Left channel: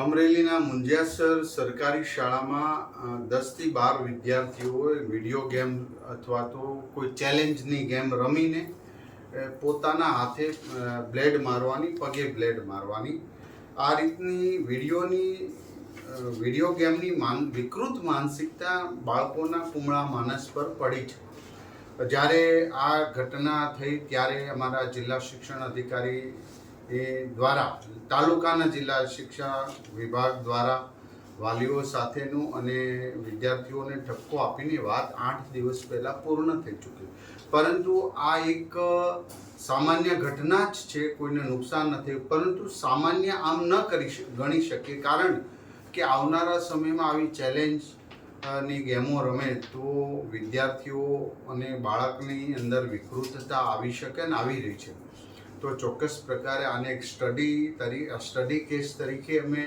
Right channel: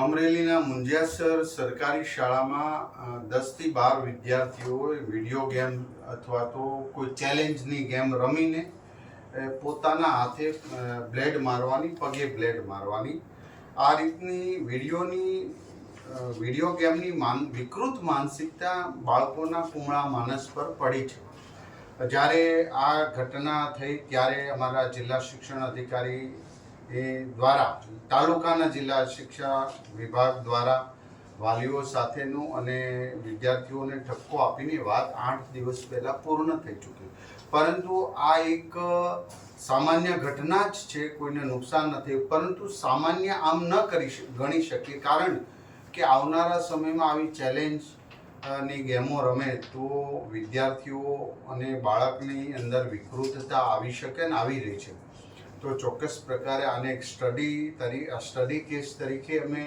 અમરેલીના મુંજિયાસર સરકારી શાળામાં 10થી 12 વિદ્યાર્થીઓએ વિડીયો ગેમ અથવા તો કોઈ ચેલેન્જની ગેમ રમીને પોતાના હાથે બ્લેડ મારવાની, પગે બ્લેડ મારવાની આ રીતની વિડીયો ગેમની વિકૃત માનસિકતા બાળકોના કુમળા માનસ પર પડી છે. જ્યારે આ ઘટના થઈ ત્યારે અમારા જિલ્લા શિક્ષણ અધિકારી દ્વારા તાલુકાના જિલ્લા શિક્ષા વિભાગ દ્વારા વાલીઓ સાથેનું અને વિદ્યાર્થીઓને ઠપકો આપીને વાત 8 દિવસ પહેલાં પૂર્ણ થઈ ચૂકી. પરંતુ આ એક સામાન્ય ઘટના જ છે, કોઈને નુકસાન નથી, પરંતુ સામાન્ય આમ ન ગણી શકીએ, કારણ કે આવનારા સમયમાં આવી ચેલેન્જ ની ગેમો રમે તો વિદ્યાર્થીઓ અને બાળકની અંદર વિકૃતતા આવી શકે અને આવી રહી છે. તો ચોક્કસ પ્રકારે આને એક સ્ટડી કેસ તરીકે અમે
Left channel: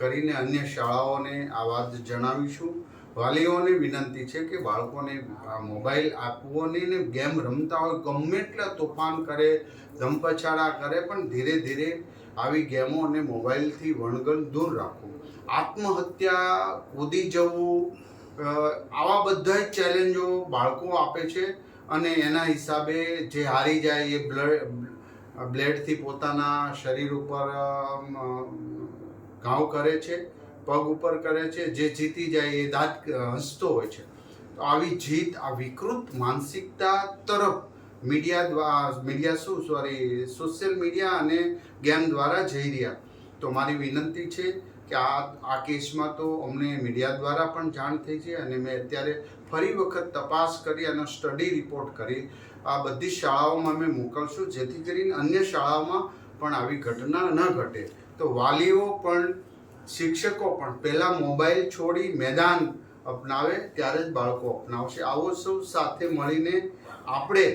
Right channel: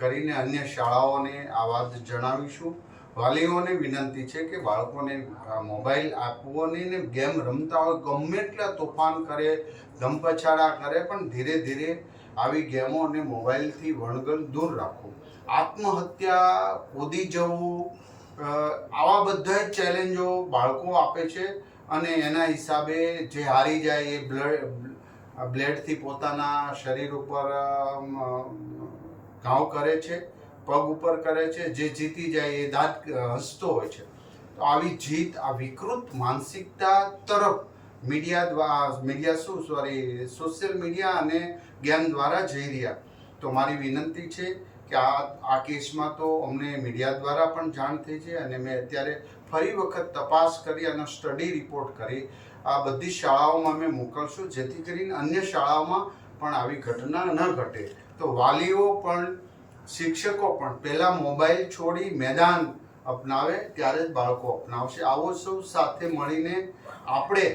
કરીને અન્ય શાળાઓને આ વાત જણાવીશું. વાલીઓને વિનંતી છે કે બાળકોને મોબાઈલ આપવો નહીં ને ગેમ રમતા હોય ગમે એટલા તોફાન કરે, ધમપછાડા કરે, પણ ધીરે ધીરે આવી ગેમો અને મોબાઈલથી વણગલ દૂર રાખવું. આત્મહત્યા, કૂદી જવું, આવા બધા જ ચેલેન્જો બાળકો આપે છે અને એના હિસાબે જે હારી જાય એ બ્લેડથી પોતાના શરીર ઉપર ઘાવ કરે છે, પગ ઉપર કરે છે, જે જીતી જાય એ દાંત હસતો હોય છે. તો આવી જીત, આ વિકૃત માનસિકતા તરફ સોશિયલ મીડિયા અને ગેમ દ્વારા જઈ રહ્યા. તો મારી વિનંતી છે કે આ કેસમાં તો અમને મીડિયા દ્વારા પણ જાણ થઈ છે અને મેં અત્યારે ફરી વખત તપાસ કરી અને સ્ટડી રિપોર્ટ કરી આ બધી શાળાઓમાં અમે મોકલશું, જેથી કરીને અન્ય શાળાઓમાં પણ આવી ઘટના ન ઘટે. તો વાલીઓ પણ, શિક્ષકો પણ પહેલાં મોબાઈલ છોડી મેદાન અપનાવે, ત્યારે જ બાળકો અપનાવશે. આવો સૌ સાથે મળીને આપણે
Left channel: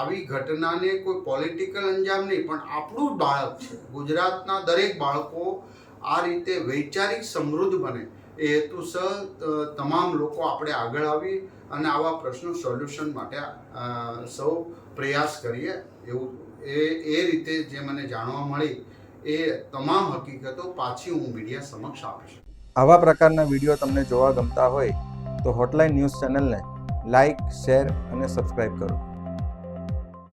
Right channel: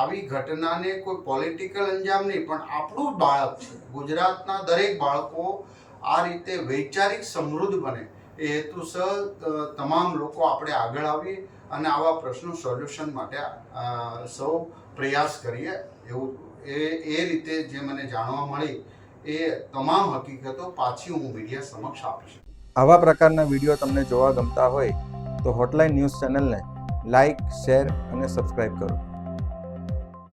આવી ઘટનાને કોઈ પોલિટિકલ અંજામ નહીં, પણ આપણું બાળક છે, ગુજરાતના દરેક બાળકો આ રીતે વૈચારિક સમૃદ્ધ બને એ હેતુસર તમામ લોકો આપણે આગળ આવી અને આવા પ્રશ્નો સોલ્યુશન માટે સૌ પ્રયાસ કરીએ. એવું એ રીતે જે મને જાણવા મળી એ તમામ હકીકતો પાછી હું મીડિયા સમક્ષ આપીશ. આવા પ્રકારના વિડીયો તમને જોવા ગમતા હોય તો હોટલાઇન ન્યૂઝ ચેનલને લાઇક, શેર અને સબસ્ક્રાઇબ કરો.